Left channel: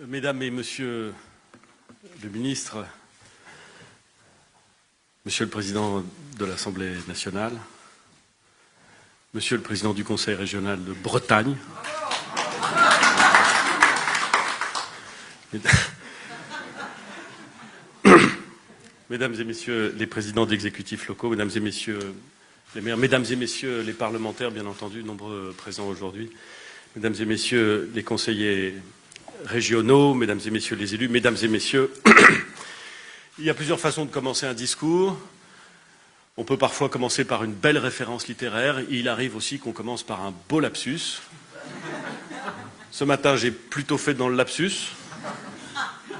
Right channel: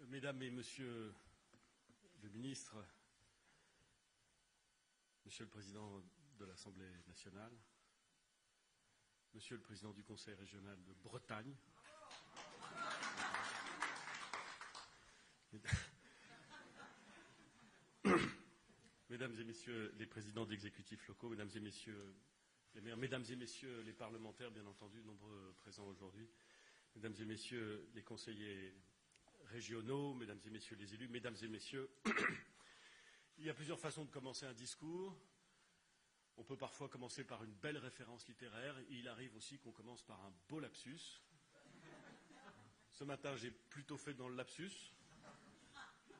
Mesdames et Messieurs le ministre, Monsieur le Président de l'Assemblée nationale, Monsieur le Président du Conseil régional de Bretagne, Mesdames et Messieurs les présidents d'exécutifs locaux, Mesdames et Messieurs les maires, Mesdames et Messieurs les parlementaires, bien entendu, nombreux présents aujourd'hui, Mesdames et Messieurs les conseillers régionaux, Mesdames et Messieurs les élus, Mesdames et Messieurs, il y a plusieurs façons de commencer un discours. On peut parfois commencer par une belle référence littéraire. Il arrive aussi qu'on commence par un beau lapsus. Ce matin, j'ai plutôt fait dans le lapsus,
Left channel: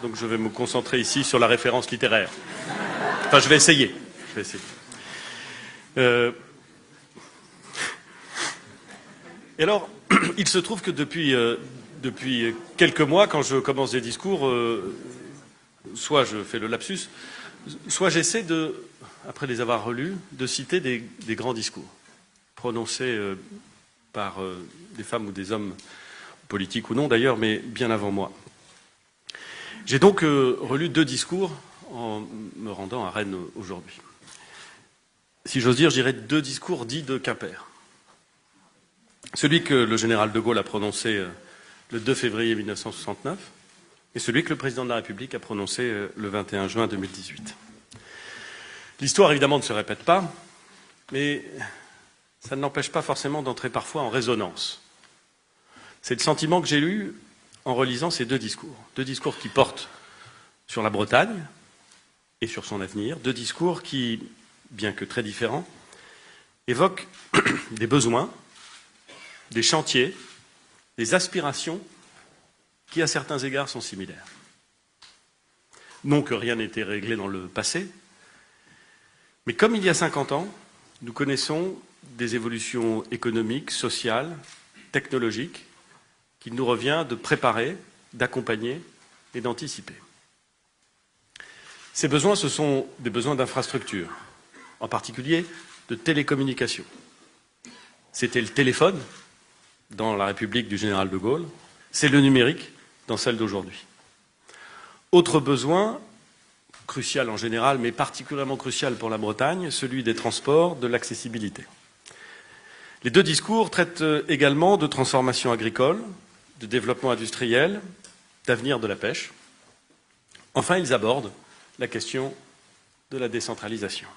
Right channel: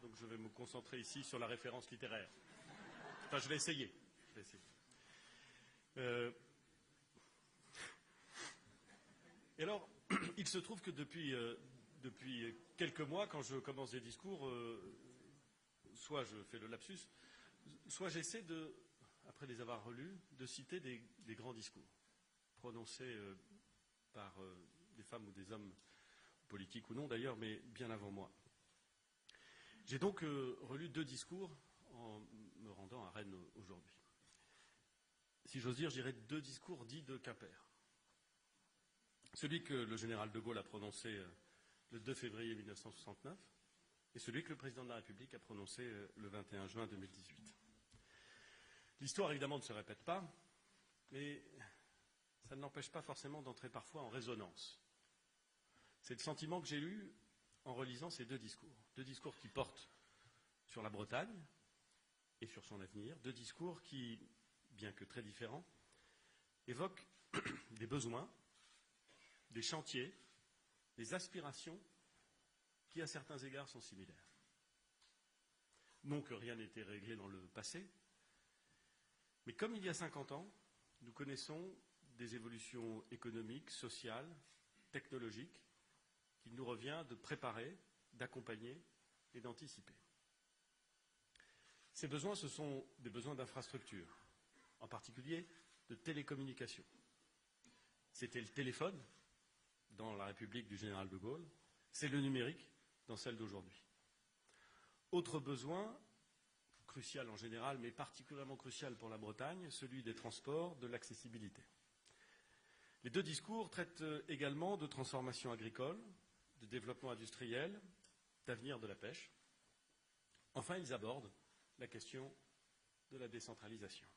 donc je vais me concentrer ici sur la référence littéraire. Enfin, je vais essayer. Et alors, il se trouve que depuis quelques mois, quand je commence des discours, soit je fais le lapsus, soit j'essaie après les avoir relus, de citer des grands discours prononcés par des femmes ou des hommes, politiques ou non d'ailleurs, mais bien avant moi. J'ai donc relu 2 discours en me rendant à Rennes aujourd'hui. Si j'ose dire, je dirais 2 discours dits de Quimper. Celui que le général de Gaulle a prononcé le 2 février 1969 et celui que le président de la République a prononcé le 21 juin 2018. L'histoire, évidemment, ne se répète pas, mais ça ne l'empêche pas forcément d'entrer parfois en résonance. C'est le sentiment que j'ai eu en relisant ces 2 discours. 2 discours qui portent sur la Bretagne et sur son avenir. 2 discours qui, bien que très différents, évoquent des besoins, des chantiers, des aspirations qui, à certains égards, sont similaires. Non que rien n'était réglé dans le passé, mais comme il y a 50 ans, nous connaissons des évolutions économiques, sociales, technologiques, qu'il nous revient de préparer, d'accompagner et d'anticiper. Ces besoins, ce sont des besoins d'infrastructures, en particulier de télécommunications. C'était le téléphone dans la République du général de Gaulle, c'est le numérique dans celle d'aujourd'hui. Autre besoin, crucial en général, mais particulièrement crucial pour la Bretagne, celui des transports, de l'accessibilité. Les 2 discours traitent également de transformation agricole, de développement industriel, d'avenir de la pêche. Enfin, ils abordent la question de la décentralisation.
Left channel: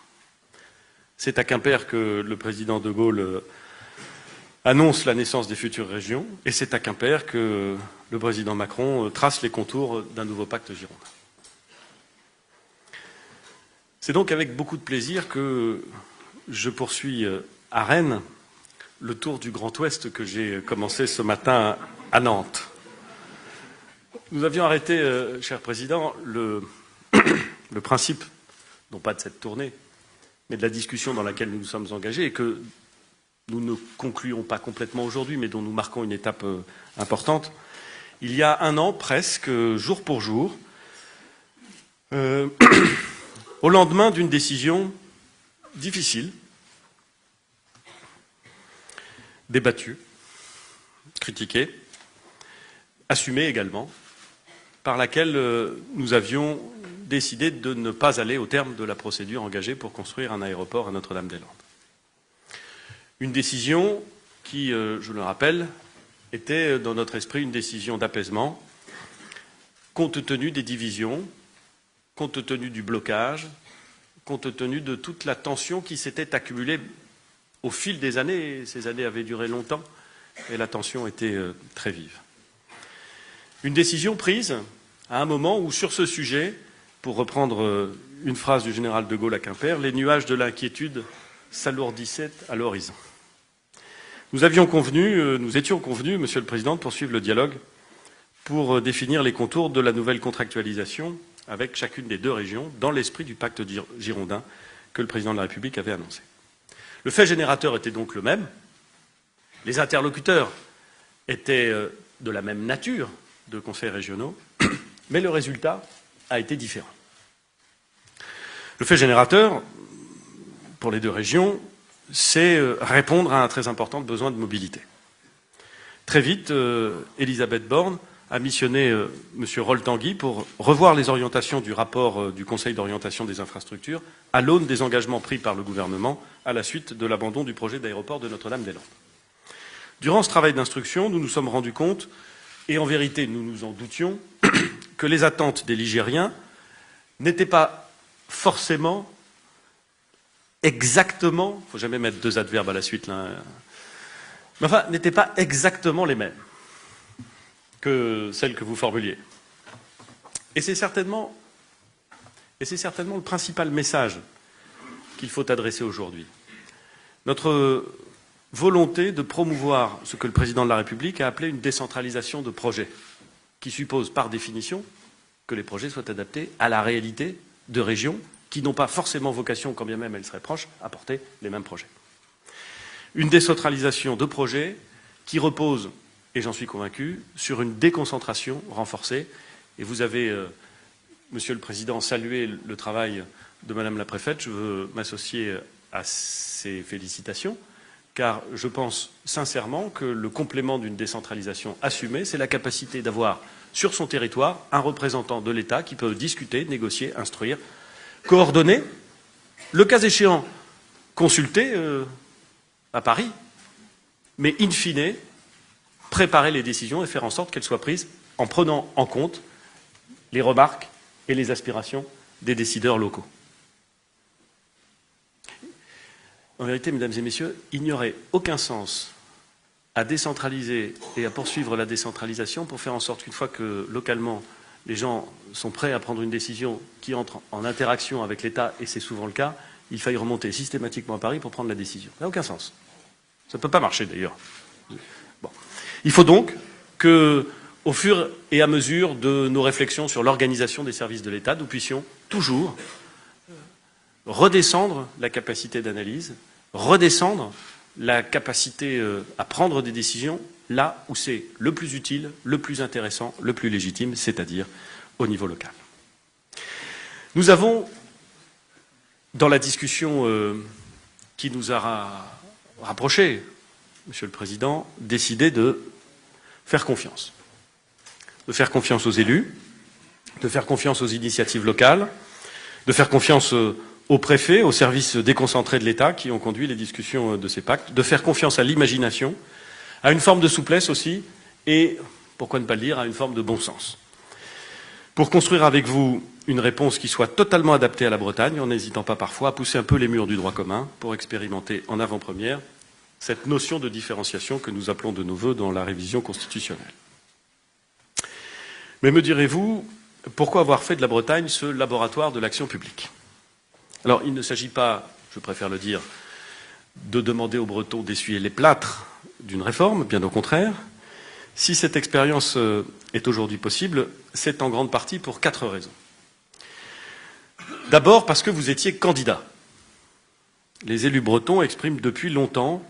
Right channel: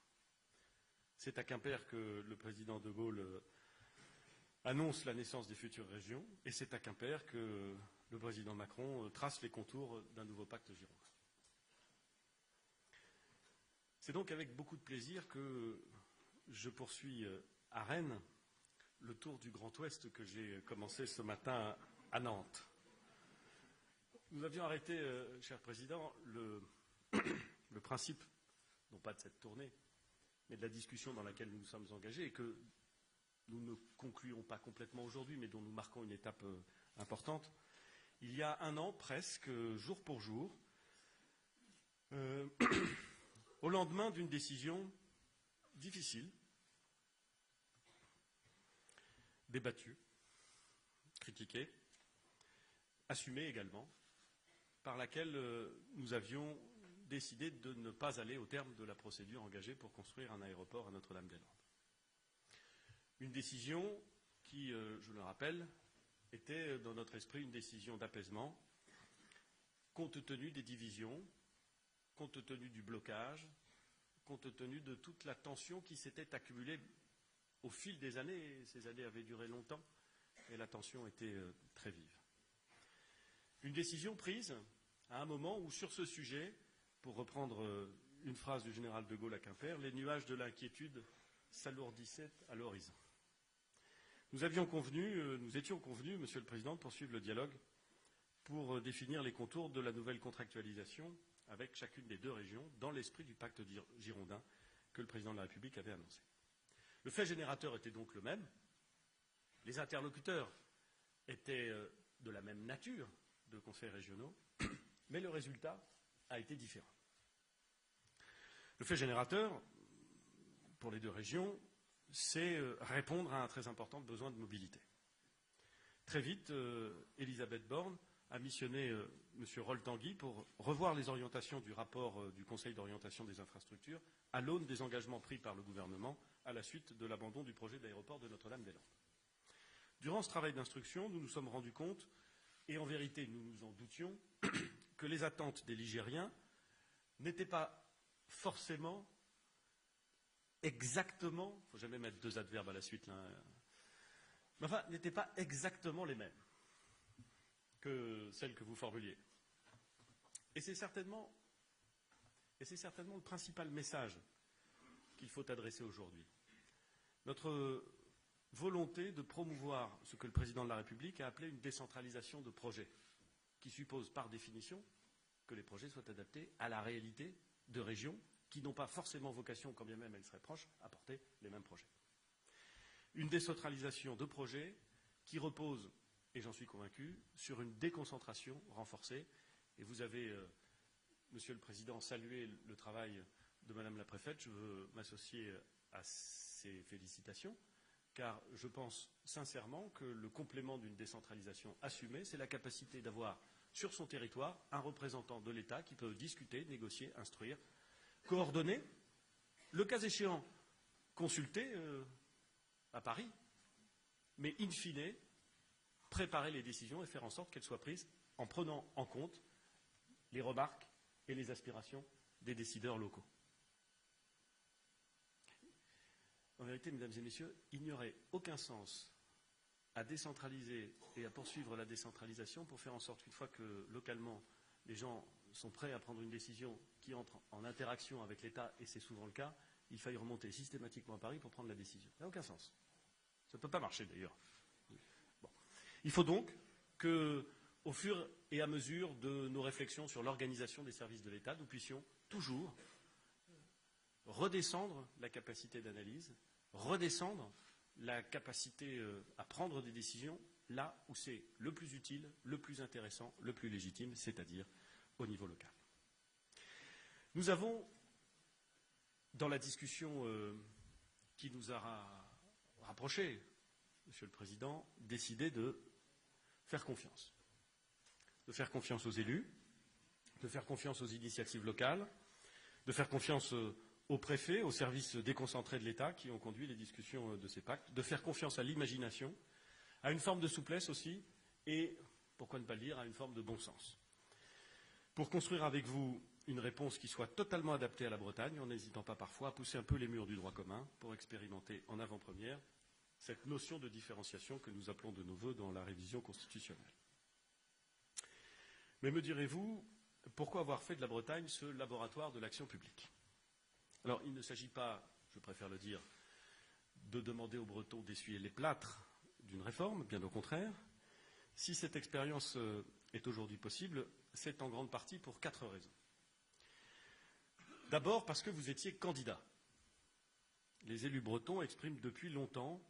C'est à Quimper que le président de Gaulle annonce la naissance des futures régions, et c'est à Quimper que le président Macron trace les contours d'un nouveau pacte girondin. C'est donc avec beaucoup de plaisir que je poursuis à Rennes le tour du Grand Ouest que j'ai commencé ce matin à Nantes. Nous avions arrêté, cher Président, le principe, non pas de cette tournée, mais de la discussion dans laquelle nous nous sommes engagés et que nous ne concluons pas complètement aujourd'hui, mais dont nous marquons une étape importante. Il y a 1 an, presque, jour pour jour, au lendemain d'une décision difficile, débattue, critiquée, assumée également, par laquelle nous avions décidé de ne pas aller au terme de la procédure engagée pour construire un aéroport à Notre-Dame-des-Landes. Une décision qui, je le rappelle, était dans notre esprit une décision d'apaisement, compte tenu des divisions, compte tenu du blocage, compte tenu de toute la tension qui s'était accumulée au fil des années. Et ces années avaient duré longtemps et la tension était très vive. Une décision prise à un moment où, sur ce sujet, pour reprendre une phrase du général de Gaulle à Quimper, les nuages de l'inquiétude s'alourdissaient à l'horizon. Nous étions convenus, Monsieur le Président, de poursuivre le dialogue pour définir les contours de la nouvelle contractualisation avec chacune des 2 régions, dans l'esprit du pacte girondin que le Président de la République avait annoncé. Le fait générateur était donc le même, les interlocuteurs étaient de la même nature de conseils régionaux, mais le résultat a été différent. Le fait générateur, pour les 2 régions, c'est répondre à un très important besoin de mobilité. très vite, Elisabeth Borne a missionné M. Rol-Tanguy pour revoir les orientations du rapport du Conseil d'orientation des infrastructures à l'aune des engagements pris par le gouvernement à la suite de l'abandon du projet d'aéroport de Notre-Dame-des-Landes. Durant ce travail d'instruction, nous nous sommes rendus compte, et en vérité nous nous en doutions, que les attentes des Ligériens n'étaient pas forcément exactement, il ne faut jamais mettre deux adverbes à la suite, là, mais enfin, n'étaient pas exactement les mêmes que celles que vous formuliez. Et c'est certainement le principal message qu'il faut adresser aujourd'hui. Notre volonté de promouvoir ce que le président de la République a appelé une décentralisation de projets, qui suppose par définition que les projets soient adaptés à la réalité de régions qui n'ont pas forcément vocation, quand bien même elles seraient proches, à porter les mêmes projets. Une décentralisation de projets qui repose, et j'en suis convaincu, sur une déconcentration renforcée. Et vous avez, Monsieur le Président, salué le travail de Madame la Préfète. Je veux m'associer à ces félicitations, car je pense sincèrement que le complément d'une décentralisation assumée, c'est la capacité d'avoir sur son territoire un représentant de l'État qui peut discuter, négocier, instruire, coordonner, le cas échéant, consulter à Paris, mais in fine, préparer les décisions et faire en sorte qu'elles soient prises en prenant en compte les remarques et les aspirations des décideurs locaux. En vérité, mesdames et messieurs, il n'y aurait aucun sens à décentraliser et à poursuivre la décentralisation pour faire en sorte qu'une fois que localement les gens sont prêts à prendre une décision qui entre en interaction avec l'État, et c'est souvent le cas, il faille remonter systématiquement à Paris pour prendre la décision. Ça n'a aucun sens. Ça ne peut pas marcher d'ailleurs. Bon. Il faut donc que, au fur et à mesure de nos réflexions sur l'organisation des services de l'État, nous puissions toujours redescendre la capacité d'analyse, redescendre la capacité à prendre des décisions là où c'est le plus utile, le plus intéressant, le plus légitime, c'est-à-dire au niveau local. Nous avons, dans la discussion qui nous a rapprochés, Monsieur le Président, décidé de faire confiance. De faire confiance aux élus, de faire confiance aux initiatives locales, de faire confiance aux préfets, aux services déconcentrés de l'État qui ont conduit les discussions de ces pactes, de faire confiance à l'imagination, à une forme de souplesse aussi, et, pourquoi ne pas le dire, à une forme de bon sens. Pour construire avec vous une réponse qui soit totalement adaptée à la Bretagne, en n'hésitant pas parfois à pousser un peu les murs du droit commun pour expérimenter en avant-première cette notion de différenciation que nous appelons de nos vœux dans la révision constitutionnelle. Mais me direz-vous, pourquoi avoir fait de la Bretagne ce laboratoire de l'action publique? Alors, il ne s'agit pas, je préfère le dire, de demander aux Bretons d'essuyer les plâtres d'une réforme, bien au contraire. Si cette expérience est aujourd'hui possible, c'est en grande partie pour 4 raisons. D'abord parce que vous étiez candidat. Les élus bretons expriment depuis longtemps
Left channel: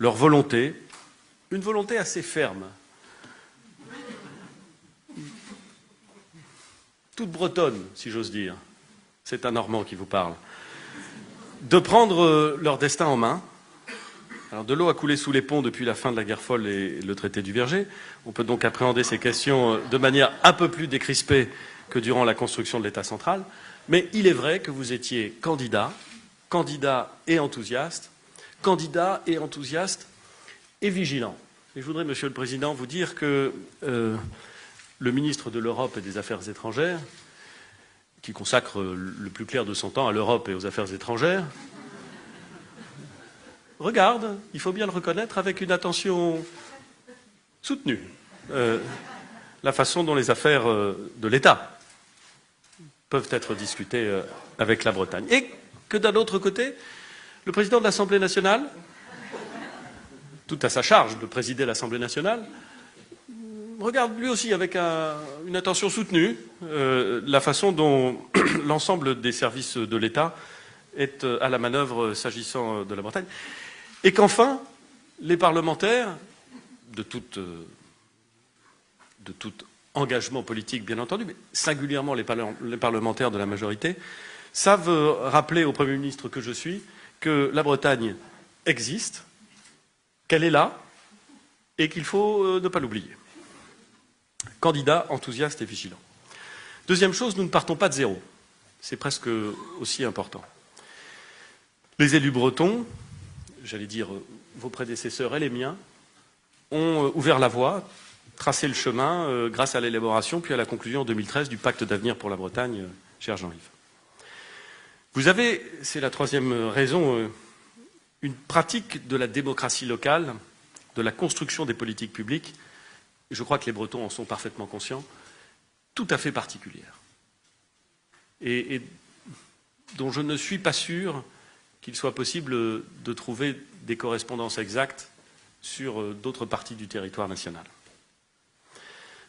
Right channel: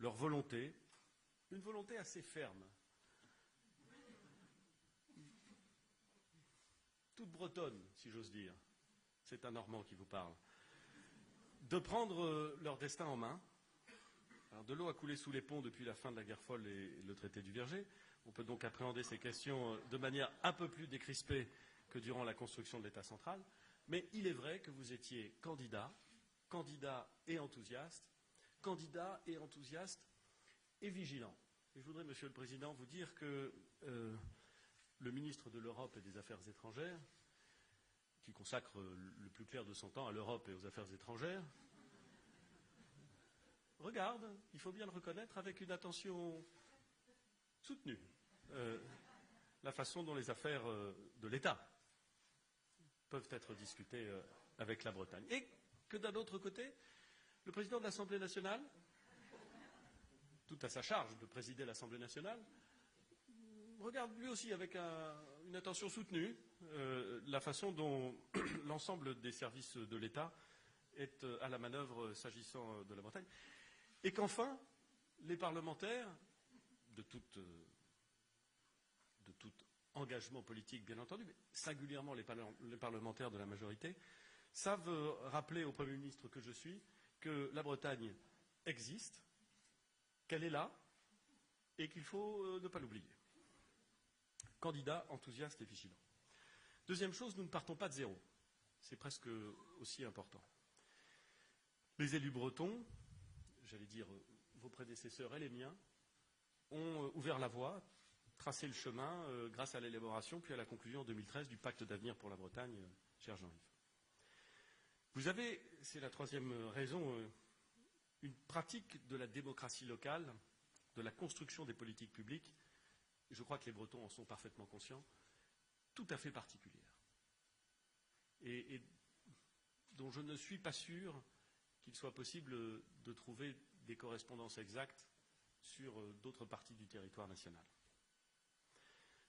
leur volonté, une volonté assez ferme, toute bretonne, si j'ose dire, c'est un Normand qui vous parle, de prendre leur destin en main. Alors, de l'eau a coulé sous les ponts depuis la fin de la guerre folle et le traité du Verger. On peut donc appréhender ces questions de manière un peu plus décrispée que durant la construction de l'État central. Mais il est vrai que vous étiez candidat et enthousiaste, et vigilant. Et je voudrais, Monsieur le Président, vous dire que le ministre de l'Europe et des Affaires étrangères, qui consacre le plus clair de son temps à l'Europe et aux affaires étrangères, regarde, il faut bien le reconnaître, avec une attention soutenue, la façon dont les affaires de l'État peuvent être discutées avec la Bretagne. Et que d'un autre côté, le président de l'Assemblée nationale, tout à sa charge de présider l'Assemblée nationale, regarde lui aussi avec une attention soutenue la façon dont l'ensemble des services de l'État est à la manœuvre s'agissant de la Bretagne. Et qu'enfin, les parlementaires, de tout engagement politique bien entendu, mais singulièrement les parlementaires de la majorité, savent rappeler au Premier ministre que je suis que la Bretagne existe, qu'elle est là, et qu'il faut ne pas l'oublier. Candidat enthousiaste et vigilant. Deuxième chose, nous ne partons pas de zéro. C'est presque aussi important. Les élus bretons, j'allais dire vos prédécesseurs et les miens, ont ouvert la voie, tracé le chemin grâce à l'élaboration puis à la conclusion en 2013 du pacte d'avenir pour la Bretagne, cher Jean-Yves. Vous avez, c'est la troisième raison, une pratique de la démocratie locale, de la construction des politiques publiques, je crois que les Bretons en sont parfaitement conscients, tout à fait particulière. Et dont je ne suis pas sûr qu'il soit possible de trouver des correspondances exactes sur d'autres parties du territoire national.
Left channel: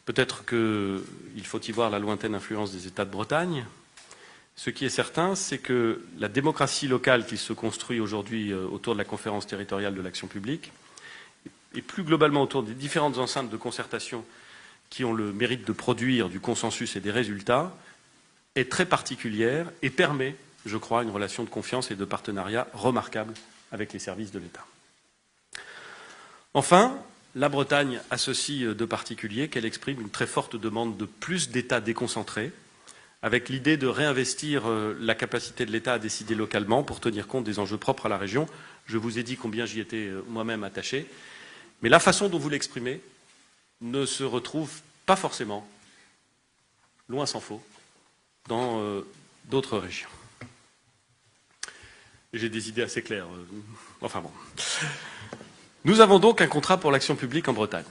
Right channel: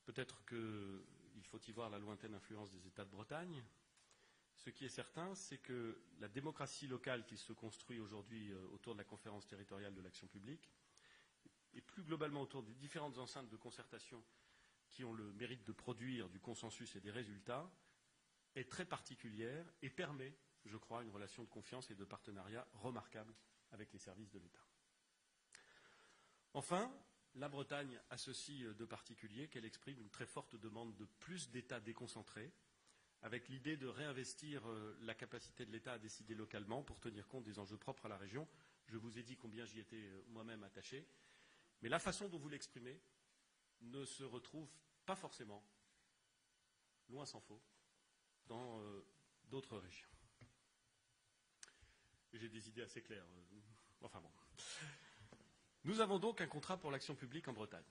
Peut-être qu'il faut y voir la lointaine influence des États de Bretagne. Ce qui est certain, c'est que la démocratie locale qui se construit aujourd'hui autour de la conférence territoriale de l'action publique, et plus globalement autour des différentes enceintes de concertation qui ont le mérite de produire du consensus et des résultats, est très particulière et permet, je crois, une relation de confiance et de partenariat remarquable avec les services de l'État. Enfin, la Bretagne a ceci de particulier qu'elle exprime une très forte demande de plus d'États déconcentrés, avec l'idée de réinvestir la capacité de l'État à décider localement pour tenir compte des enjeux propres à la région. Je vous ai dit combien j'y étais moi-même attaché, mais la façon dont vous l'exprimez ne se retrouve pas forcément, loin s'en faut, dans d'autres régions. J'ai des idées assez claires. Enfin bon. Nous avons donc un contrat pour l'action publique en Bretagne,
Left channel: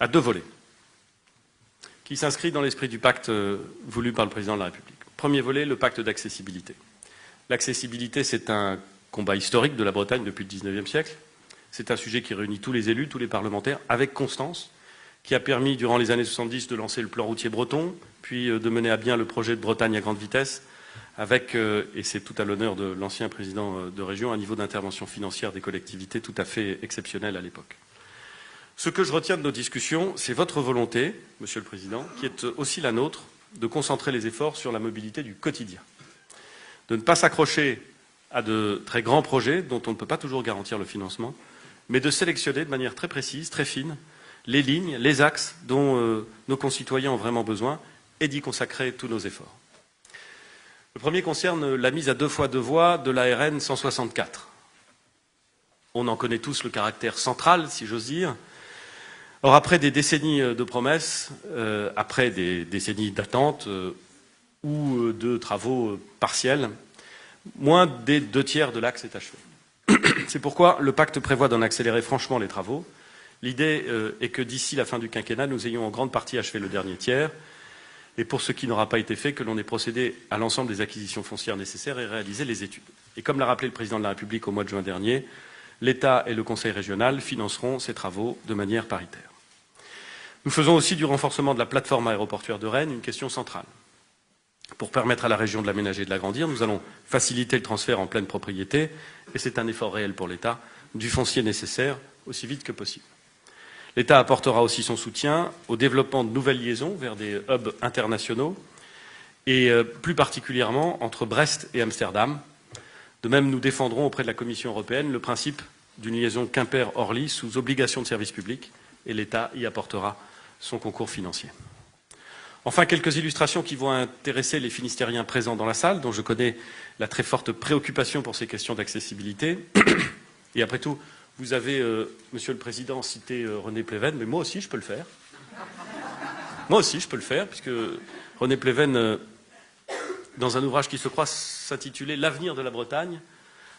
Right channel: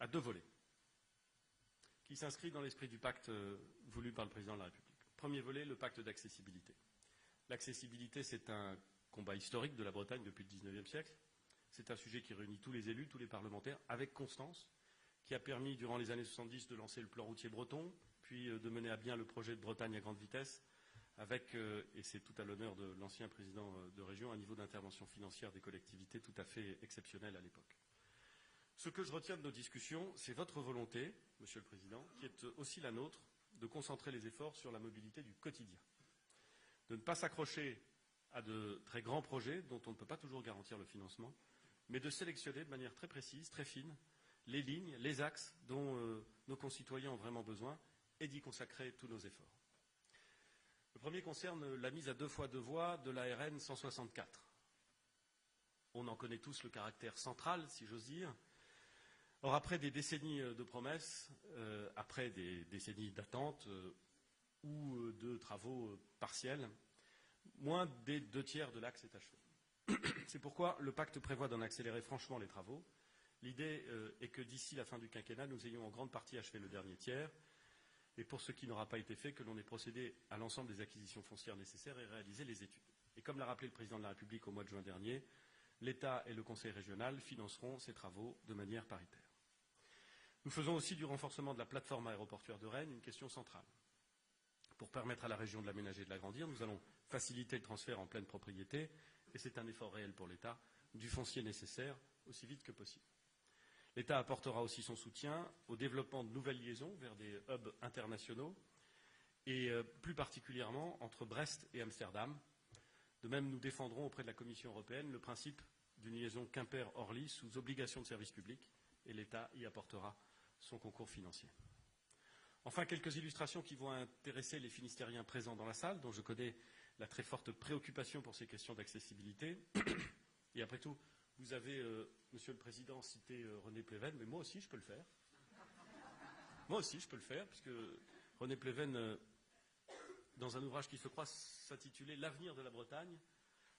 à 2 volets, qui s'inscrit dans l'esprit du pacte voulu par le Président de la République. Premier volet, le pacte d'accessibilité. L'accessibilité, c'est un combat historique de la Bretagne depuis le XIXe siècle. C'est un sujet qui réunit tous les élus, tous les parlementaires, avec constance, qui a permis, durant les années 70, de lancer le plan routier breton, puis de mener à bien le projet de Bretagne à grande vitesse, avec, et c'est tout à l'honneur de l'ancien président de région, un niveau d'intervention financière des collectivités tout à fait exceptionnel à l'époque. Ce que je retiens de nos discussions, c'est votre volonté, Monsieur le Président, qui est aussi la nôtre, de concentrer les efforts sur la mobilité du quotidien, de ne pas s'accrocher à de très grands projets dont on ne peut pas toujours garantir le financement, mais de sélectionner de manière très précise, très fine, les lignes, les axes dont nos concitoyens ont vraiment besoin et d'y consacrer tous nos efforts. Le premier concerne la mise à 2 fois 2 voies de la RN 164. On en connaît tous le caractère central, si j'ose dire. Or, après des décennies de promesses, après des décennies d'attente ou de travaux partiels, moins des 2/3 de l'axe est achevé. C'est pourquoi le pacte prévoit d'en accélérer franchement les travaux. L'idée est que d'ici la fin du quinquennat, nous ayons en grande partie achevé le dernier tiers. Et pour ce qui n'aura pas été fait, que l'on ait procédé à l'ensemble des acquisitions foncières nécessaires et réalisé les études. Et comme l'a rappelé le Président de la République au mois de juin dernier, l'État et le Conseil régional financeront ces travaux de manière paritaire. Nous faisons aussi du renforcement de la plateforme aéroportuaire de Rennes une question centrale. Pour permettre à la région de l'aménager et de l'agrandir, nous allons faciliter le transfert en pleine propriété, et c'est un effort réel pour l'État, du foncier nécessaire aussi vite que possible. L'État apportera aussi son soutien au développement de nouvelles liaisons vers des hubs internationaux et plus particulièrement entre Brest et Amsterdam. De même, nous défendrons auprès de la Commission européenne le principe d'une liaison Quimper-Orly sous obligation de service public et l'État y apportera son concours financier. Enfin, quelques illustrations qui vont intéresser les Finistériens présents dans la salle, dont je connais la très forte préoccupation pour ces questions d'accessibilité. Et après tout, vous avez, Monsieur le Président, cité René Pleven, mais moi aussi je peux le faire. Moi aussi je peux le faire, puisque René Pleven, dans un ouvrage qui se croit s'intituler « L'avenir de la Bretagne »,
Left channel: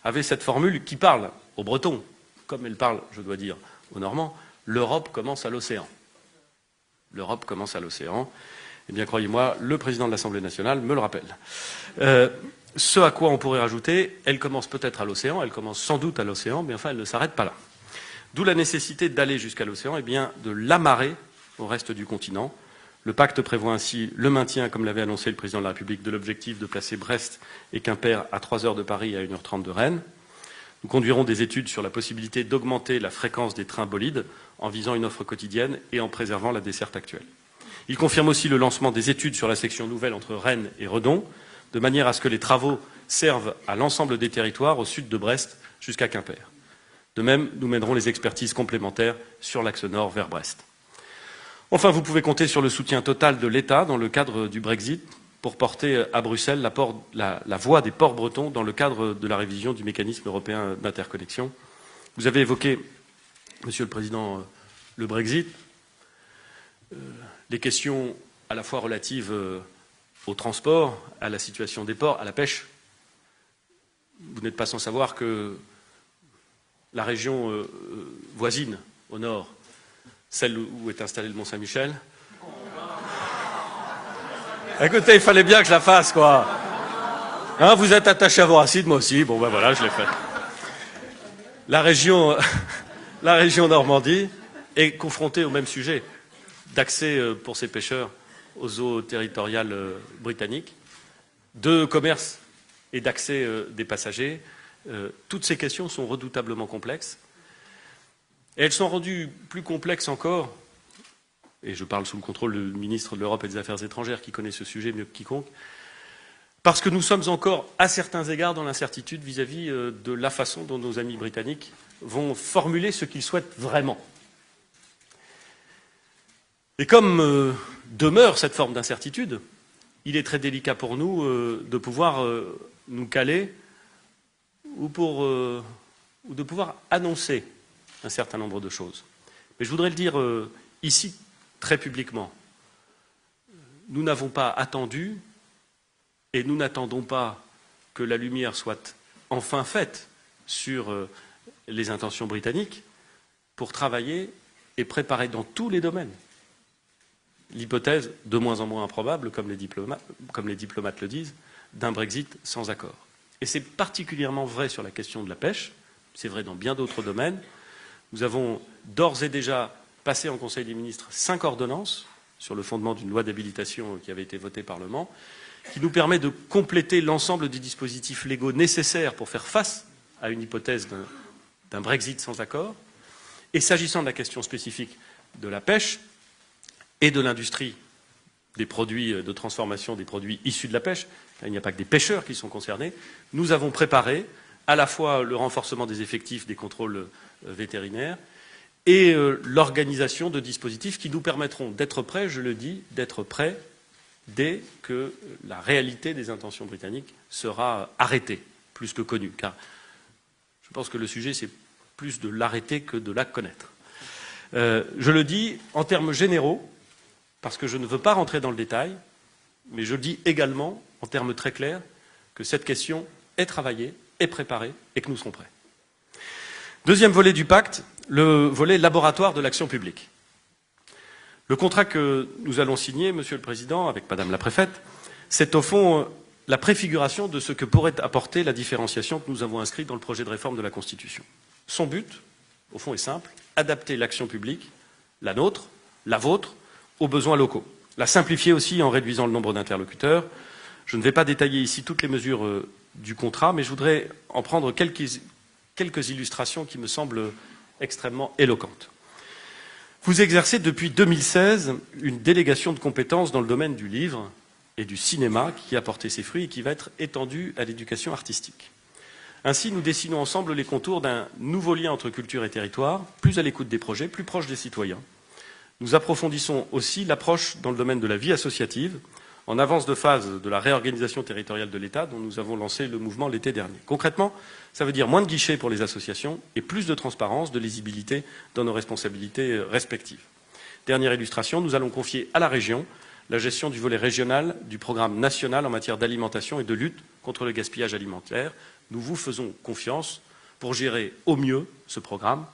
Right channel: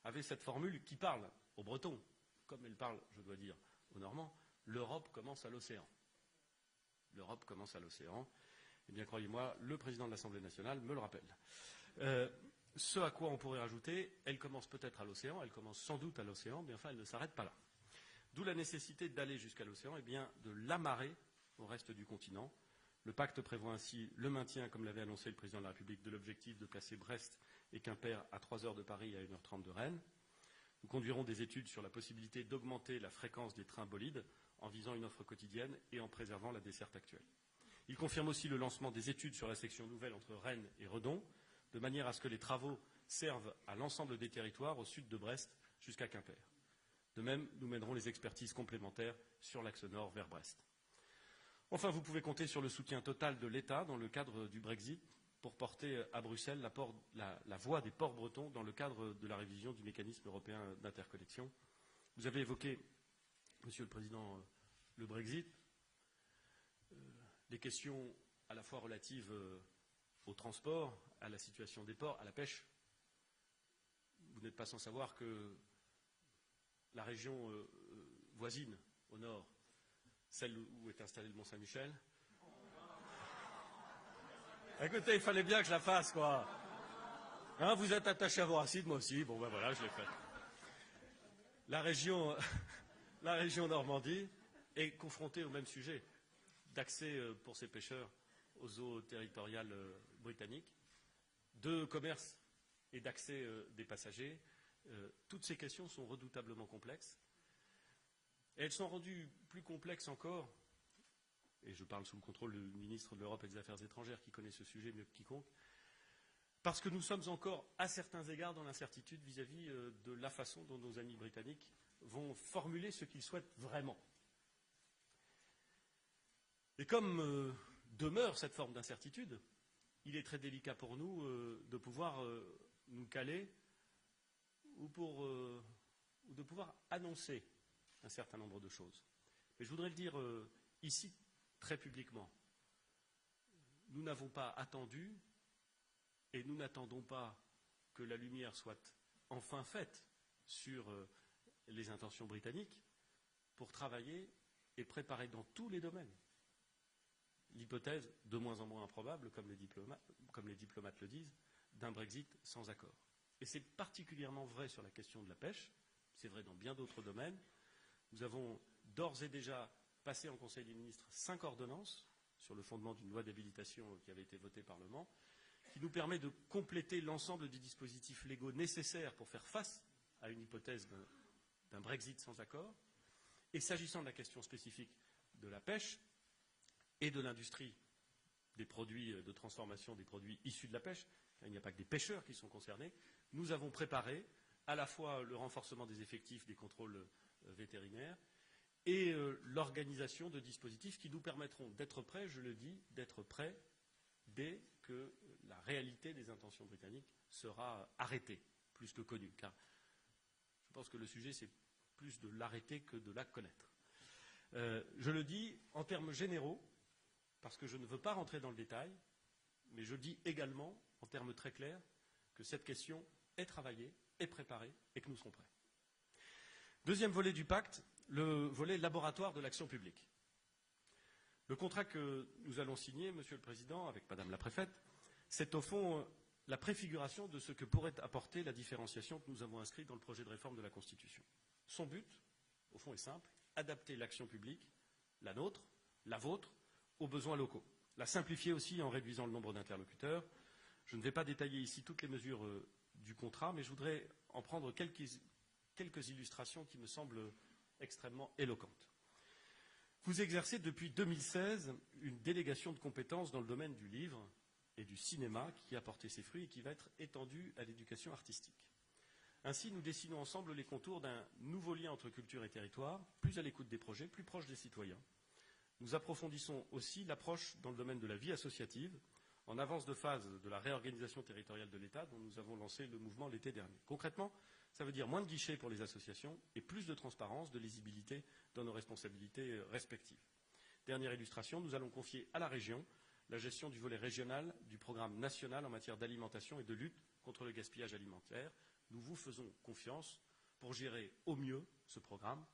avait cette formule qui parle aux Bretons, comme elle parle, je dois dire, aux Normands, « l'Europe commence à l'océan ». L'Europe commence à l'océan. Eh bien, croyez-moi, le Président de l'Assemblée nationale me le rappelle. Ce à quoi on pourrait rajouter, elle commence peut-être à l'océan, elle commence sans doute à l'océan, mais enfin, elle ne s'arrête pas là. D'où la nécessité d'aller jusqu'à l'océan, et bien de l'amarrer au reste du continent. Le pacte prévoit ainsi le maintien, comme l'avait annoncé le Président de la République, de l'objectif de placer Brest et Quimper à 3 heures de Paris et à 1h30 de Rennes. Nous conduirons des études sur la possibilité d'augmenter la fréquence des trains bolides en visant une offre quotidienne et en préservant la desserte actuelle. Il confirme aussi le lancement des études sur la section nouvelle entre Rennes et Redon, de manière à ce que les travaux servent à l'ensemble des territoires au sud de Brest jusqu'à Quimper. De même, nous mènerons les expertises complémentaires sur l'axe nord vers Brest. Enfin, vous pouvez compter sur le soutien total de l'État dans le cadre du Brexit pour porter à Bruxelles la voix des ports bretons dans le cadre de la révision du mécanisme européen d'interconnexion. Vous avez évoqué, Monsieur le Président, le Brexit, les questions à la fois relatives au transport, à la situation des ports, à la pêche. Vous n'êtes pas sans savoir que la région voisine, au nord, celle où est installé le Mont-Saint-Michel. Écoutez, il fallait bien que je la fasse, quoi. Hein, vous êtes attaché à vos racines, moi aussi. Bon, ben voilà, je l'ai fait. La région Normandie est confrontée au même sujet d'accès pour ces pêcheurs aux eaux territoriales britanniques, de commerce et d'accès des passagers. Toutes ces questions sont redoutablement complexes. Et elles sont rendues plus complexes encore, et je parle sous le contrôle du ministre de l'Europe et des Affaires étrangères qui connaît ce sujet mieux que quiconque, parce que nous sommes encore, à certains égards, dans l'incertitude vis-à-vis de la façon dont nos amis britanniques vont formuler ce qu'ils souhaitent vraiment. Et comme demeure cette forme d'incertitude, il est très délicat pour nous de pouvoir nous caler ou de pouvoir annoncer un certain nombre de choses. Mais je voudrais le dire ici très publiquement. Nous n'avons pas attendu et nous n'attendons pas que la lumière soit enfin faite sur les intentions britanniques pour travailler et préparer dans tous les domaines l'hypothèse de moins en moins improbable, comme les diplomates le disent, d'un Brexit sans accord. Et c'est particulièrement vrai sur la question de la pêche, c'est vrai dans bien d'autres domaines. Nous avons d'ores et déjà passé en Conseil des ministres 5 ordonnances sur le fondement d'une loi d'habilitation qui avait été votée par le Parlement, qui nous permet de compléter l'ensemble des dispositifs légaux nécessaires pour faire face à une hypothèse d'un Brexit sans accord. Et s'agissant de la question spécifique de la pêche et de l'industrie des produits de transformation des produits issus de la pêche, il n'y a pas que des pêcheurs qui sont concernés, nous avons préparé à la fois le renforcement des effectifs des contrôles vétérinaires et l'organisation de dispositifs qui nous permettront d'être prêts, je le dis, d'être prêts dès que la réalité des intentions britanniques sera arrêtée, plus que connue. Car je pense que le sujet, c'est plus de l'arrêter que de la connaître. Je le dis en termes généraux, parce que je ne veux pas rentrer dans le détail, mais je le dis également en termes très clairs que cette question est travaillée, est préparée et que nous serons prêts. Deuxième volet du pacte, le volet laboratoire de l'action publique. Le contrat que nous allons signer, Monsieur le Président, avec Madame la Préfète, c'est au fond la préfiguration de ce que pourrait apporter la différenciation que nous avons inscrite dans le projet de réforme de la Constitution. Son but, au fond, est simple, adapter l'action publique, la nôtre, la vôtre, aux besoins locaux. La simplifier aussi en réduisant le nombre d'interlocuteurs. Je ne vais pas détailler ici toutes les mesures du contrat, mais je voudrais en prendre quelques illustrations qui me semblent extrêmement éloquentes. Vous exercez depuis 2016 une délégation de compétences dans le domaine du livre et du cinéma qui a porté ses fruits et qui va être étendue à l'éducation artistique. Ainsi, nous dessinons ensemble les contours d'un nouveau lien entre culture et territoire, plus à l'écoute des projets, plus proche des citoyens. Nous approfondissons aussi l'approche dans le domaine de la vie associative, en avance de phase de la réorganisation territoriale de l'État dont nous avons lancé le mouvement l'été dernier. Concrètement, ça veut dire moins de guichets pour les associations et plus de transparence, de lisibilité dans nos responsabilités respectives. Dernière illustration, nous allons confier à la région la gestion du volet régional du programme national en matière d'alimentation et de lutte contre le gaspillage alimentaire. Nous vous faisons confiance pour gérer au mieux ce programme,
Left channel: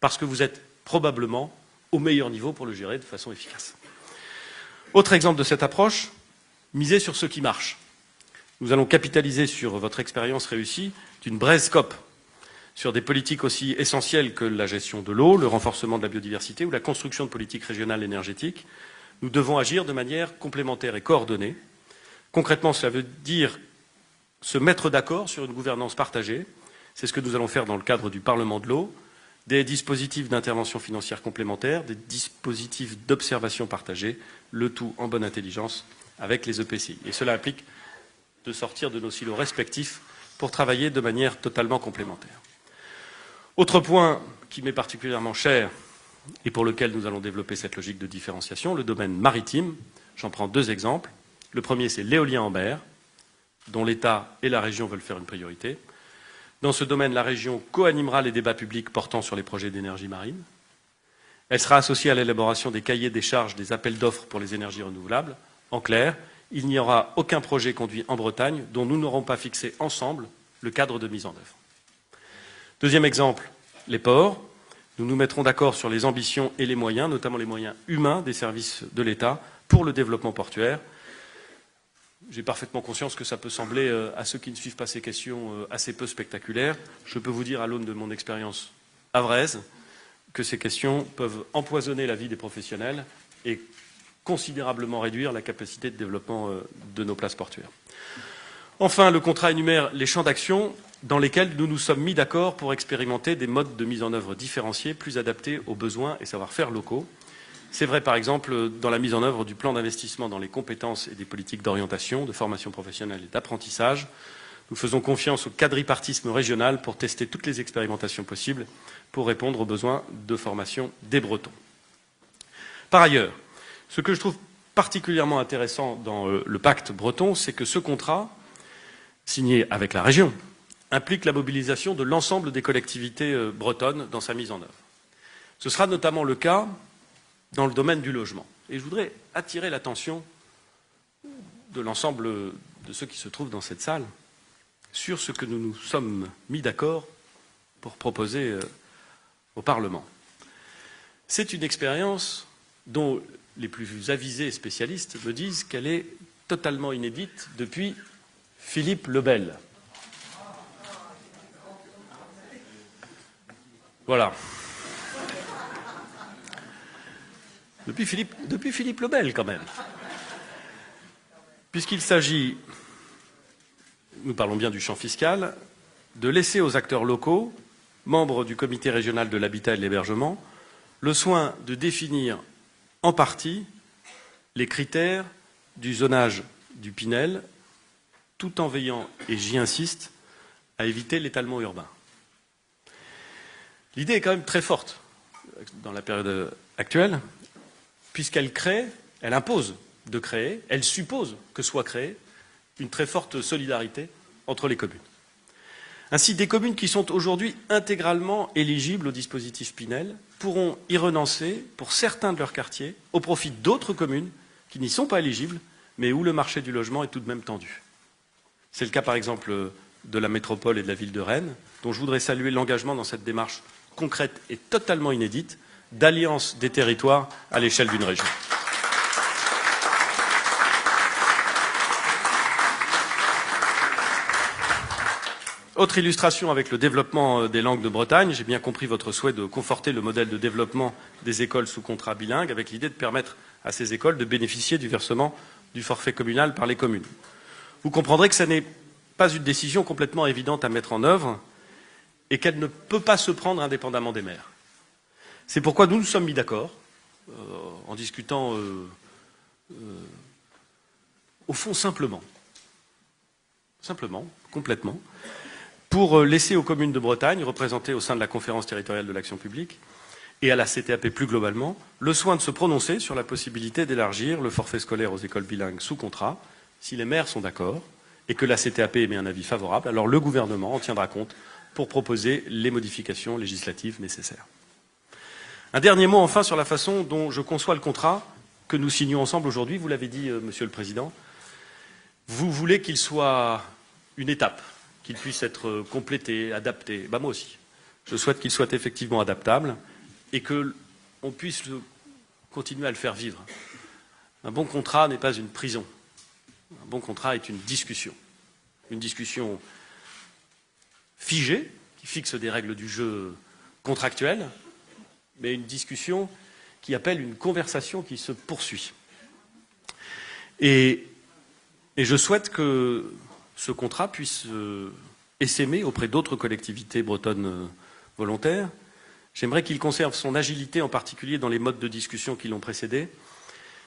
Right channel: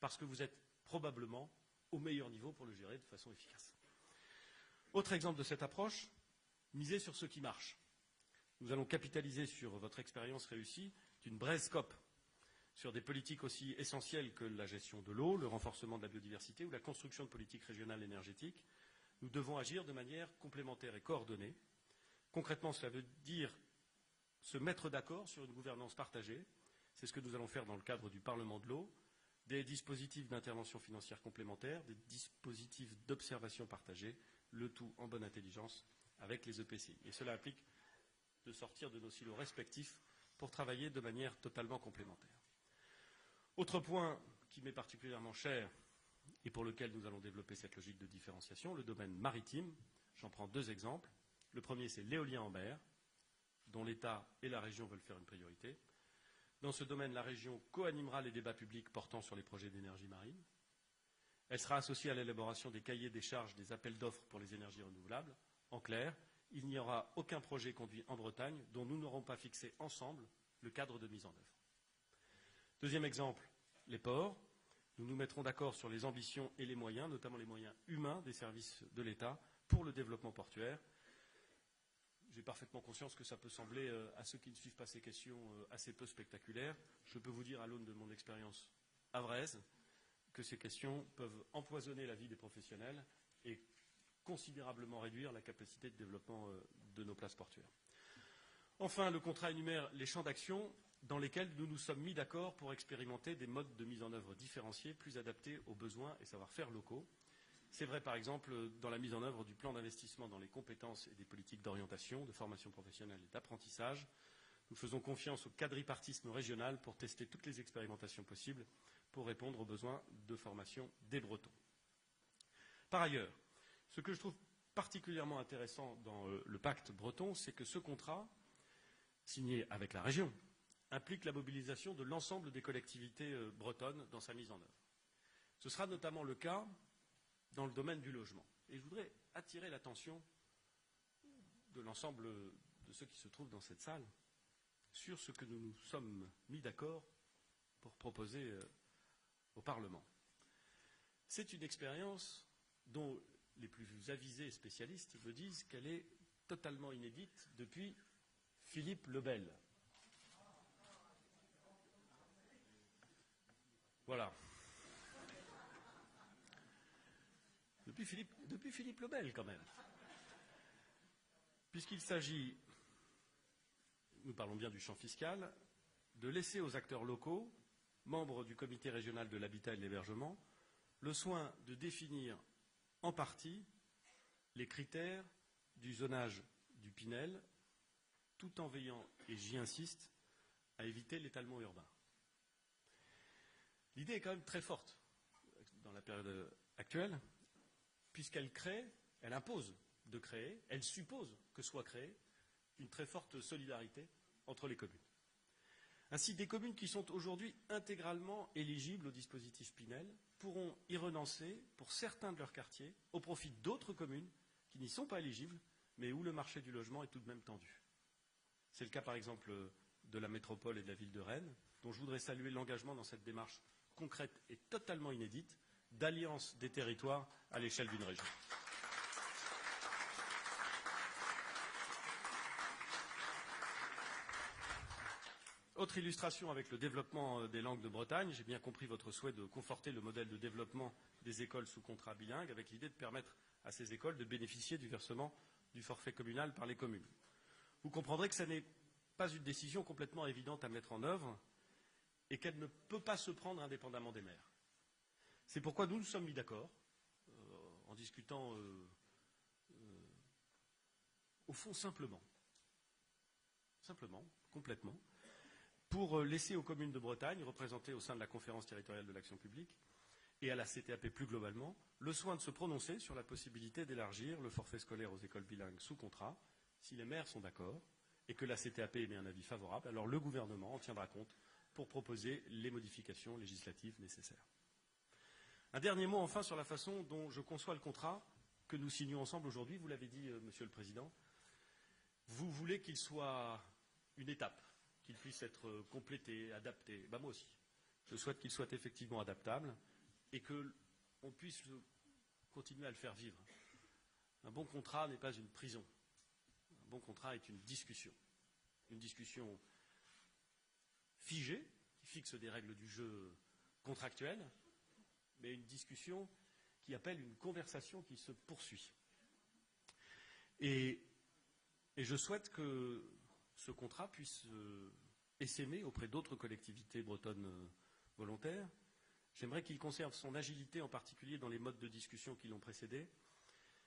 parce que vous êtes probablement au meilleur niveau pour le gérer de façon efficace. Autre exemple de cette approche, miser sur ce qui marche. Nous allons capitaliser sur votre expérience réussie d'une BRESCOP, sur des politiques aussi essentielles que la gestion de l'eau, le renforcement de la biodiversité ou la construction de politiques régionales énergétiques. Nous devons agir de manière complémentaire et coordonnée. Concrètement, cela veut dire se mettre d'accord sur une gouvernance partagée. C'est ce que nous allons faire dans le cadre du Parlement de l'eau, des dispositifs d'intervention financière complémentaires, des dispositifs d'observation partagée, le tout en bonne intelligence avec les EPCI. Et cela implique de sortir de nos silos respectifs pour travailler de manière totalement complémentaire. Autre point qui m'est particulièrement cher et pour lequel nous allons développer cette logique de différenciation, le domaine maritime. J'en prends 2 exemples. Le premier, c'est l'éolien en mer, dont l'État et la région veulent faire une priorité. Dans ce domaine, la région co-animera les débats publics portant sur les projets d'énergie marine. Elle sera associée à l'élaboration des cahiers des charges des appels d'offres pour les énergies renouvelables. En clair, il n'y aura aucun projet conduit en Bretagne dont nous n'aurons pas fixé ensemble le cadre de mise en œuvre. Deuxième exemple, les ports. Nous nous mettrons d'accord sur les ambitions et les moyens, notamment les moyens humains des services de l'État pour le développement portuaire. J'ai parfaitement conscience que ça peut sembler, à ceux qui ne suivent pas ces questions, assez peu spectaculaire. Je peux vous dire, à l'aune de mon expérience havraise, que ces questions peuvent empoisonner la vie des professionnels et considérablement réduire la capacité de développement de nos places portuaires. Enfin, le contrat énumère les champs d'action dans lesquels nous nous sommes mis d'accord pour expérimenter des modes de mise en œuvre différenciés, plus adaptés aux besoins et savoir-faire locaux. C'est vrai, par exemple, dans la mise en œuvre du plan d'investissement dans les compétences et des politiques d'orientation, de formation professionnelle et d'apprentissage. Nous faisons confiance au quadripartisme régional pour tester toutes les expérimentations possibles pour répondre aux besoins de formation des Bretons. Par ailleurs, ce que je trouve particulièrement intéressant dans le pacte breton, c'est que ce contrat, signé avec la région, implique la mobilisation de l'ensemble des collectivités bretonnes dans sa mise en œuvre. Ce sera notamment le cas dans le domaine du logement. Et je voudrais attirer l'attention de l'ensemble de ceux qui se trouvent dans cette salle sur ce que nous nous sommes mis d'accord pour proposer au Parlement. C'est une expérience dont les plus avisés spécialistes me disent qu'elle est totalement inédite depuis Philippe le Bel. Voilà. Depuis Philippe le Bel, quand même. Puisqu'il s'agit, nous parlons bien du champ fiscal, de laisser aux acteurs locaux, membres du comité régional de l'habitat et de l'hébergement, le soin de définir en partie les critères du zonage du Pinel, tout en veillant, et j'y insiste, à éviter l'étalement urbain. L'idée est quand même très forte dans la période actuelle, puisqu'elle crée, elle impose de créer, elle suppose que soit créée une très forte solidarité entre les communes. Ainsi, des communes qui sont aujourd'hui intégralement éligibles au dispositif Pinel pourront y renoncer pour certains de leurs quartiers au profit d'autres communes qui n'y sont pas éligibles, mais où le marché du logement est tout de même tendu. C'est le cas par exemple de la métropole et de la ville de Rennes, dont je voudrais saluer l'engagement dans cette démarche concrète et totalement inédite d'alliance des territoires à l'échelle d'une région. Autre illustration avec le développement des langues de Bretagne, j'ai bien compris votre souhait de conforter le modèle de développement des écoles sous contrat bilingue avec l'idée de permettre à ces écoles de bénéficier du versement du forfait communal par les communes. Vous comprendrez que ce n'est pas une décision complètement évidente à mettre en œuvre et qu'elle ne peut pas se prendre indépendamment des maires. C'est pourquoi nous nous sommes mis d'accord, en discutant au fond simplement, complètement, pour laisser aux communes de Bretagne, représentées au sein de la conférence territoriale de l'action publique, et à la CTAP plus globalement, le soin de se prononcer sur la possibilité d'élargir le forfait scolaire aux écoles bilingues sous contrat, si les maires sont d'accord, et que la CTAP émet un avis favorable, alors le gouvernement en tiendra compte pour proposer les modifications législatives nécessaires. Un dernier mot enfin sur la façon dont je conçois le contrat que nous signons ensemble aujourd'hui. Vous l'avez dit, Monsieur le Président, vous voulez qu'il soit une étape, qu'il puisse être complété, adapté. Ben, moi aussi. Je souhaite qu'il soit effectivement adaptable et qu'on puisse continuer à le faire vivre. Un bon contrat n'est pas une prison. Un bon contrat est une discussion figée, qui fixe des règles du jeu contractuelles, mais une discussion qui appelle une conversation qui se poursuit. Et je souhaite que ce contrat puisse essaimer auprès d'autres collectivités bretonnes volontaires. J'aimerais qu'il conserve son agilité, en particulier dans les modes de discussion qui l'ont précédé.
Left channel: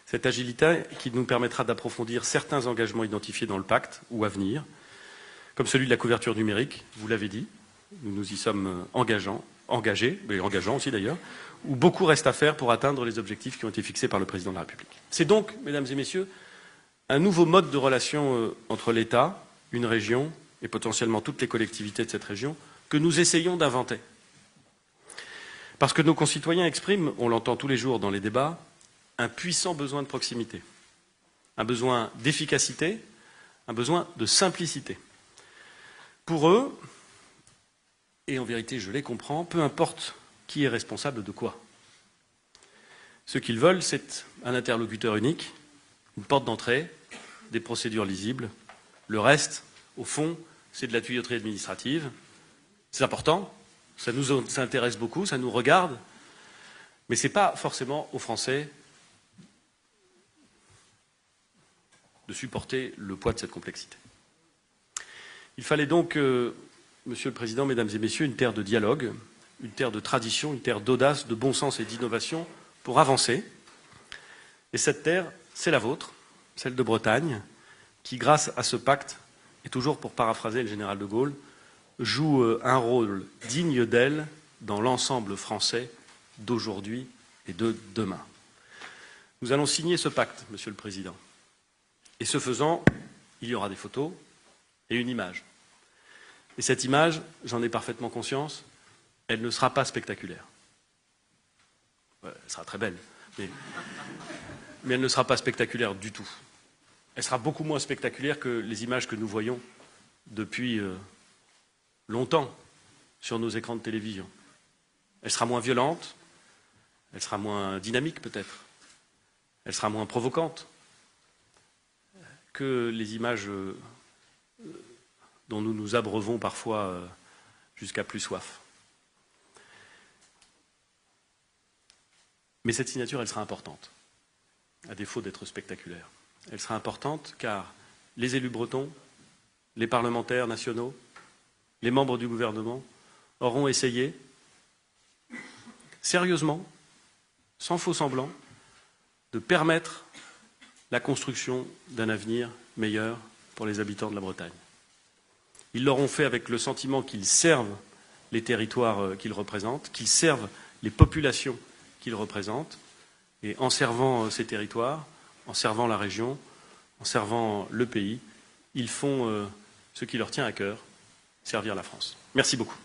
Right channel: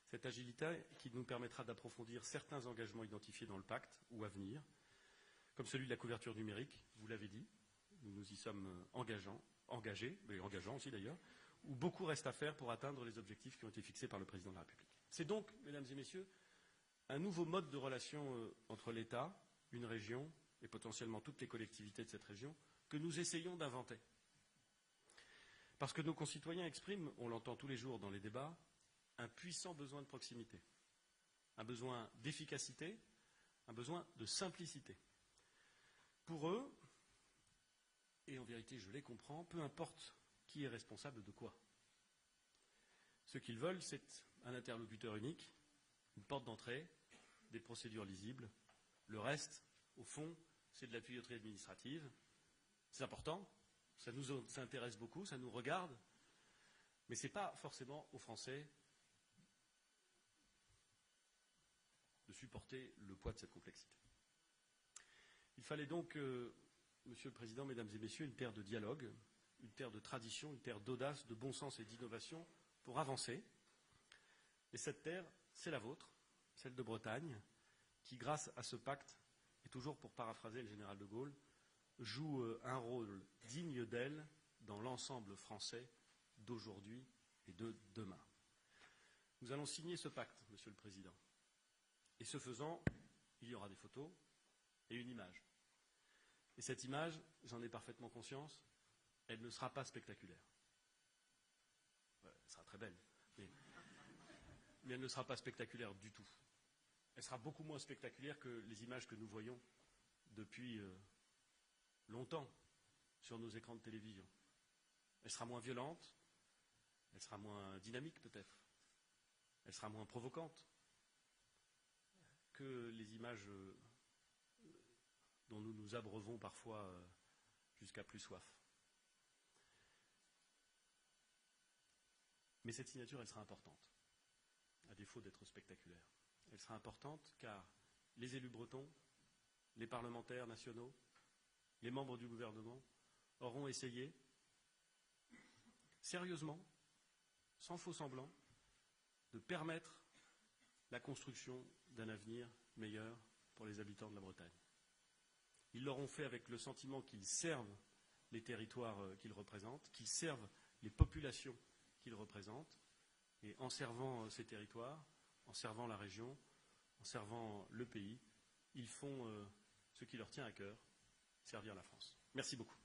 Cette agilité qui nous permettra d'approfondir certains engagements identifiés dans le pacte ou à venir, comme celui de la couverture numérique, vous l'avez dit, nous nous y sommes engageants, engagés, mais engageants aussi d'ailleurs, où beaucoup reste à faire pour atteindre les objectifs qui ont été fixés par le Président de la République. C'est donc, mesdames et messieurs, un nouveau mode de relation entre l'État, une région et potentiellement toutes les collectivités de cette région que nous essayons d'inventer. Parce que nos concitoyens expriment, on l'entend tous les jours dans les débats, un puissant besoin de proximité, un besoin d'efficacité, un besoin de simplicité. Pour eux, et en vérité je les comprends, peu importe qui est responsable de quoi. Ce qu'ils veulent, c'est un interlocuteur unique, une porte d'entrée, des procédures lisibles. Le reste, au fond, c'est de la tuyauterie administrative. C'est important, ça nous intéresse beaucoup, ça nous regarde, mais ce n'est pas forcément aux Français de supporter le poids de cette complexité. Il fallait donc, Monsieur le Président, Mesdames et Messieurs, une terre de dialogue, une terre de tradition, une terre d'audace, de bon sens et d'innovation pour avancer. Et cette terre, c'est la vôtre, celle de Bretagne, qui, grâce à ce pacte, et toujours pour paraphraser le général de Gaulle, joue un rôle digne d'elle dans l'ensemble français d'aujourd'hui et de demain. Nous allons signer ce pacte, Monsieur le Président. Et ce faisant, il y aura des photos et une image. Et cette image, j'en ai parfaitement conscience, elle ne sera pas spectaculaire. Elle sera très belle, mais elle ne sera pas spectaculaire du tout. Elle sera beaucoup moins spectaculaire que les images que nous voyons depuis longtemps sur nos écrans de télévision. Elle sera moins violente, elle sera moins dynamique peut-être, elle sera moins provocante que les images dont nous nous abreuvons parfois jusqu'à plus soif. Mais cette signature, elle sera importante, à défaut d'être spectaculaire. Elle sera importante car les élus bretons, les parlementaires nationaux, les membres du gouvernement auront essayé, sérieusement, sans faux semblant, de permettre la construction d'un avenir meilleur pour les habitants de la Bretagne. Ils l'auront fait avec le sentiment qu'ils servent les territoires qu'ils représentent, qu'ils servent les populations qu'ils représentent, et en servant ces territoires, en servant la région, en servant le pays, ils font ce qui leur tient à cœur, servir la France. Merci beaucoup.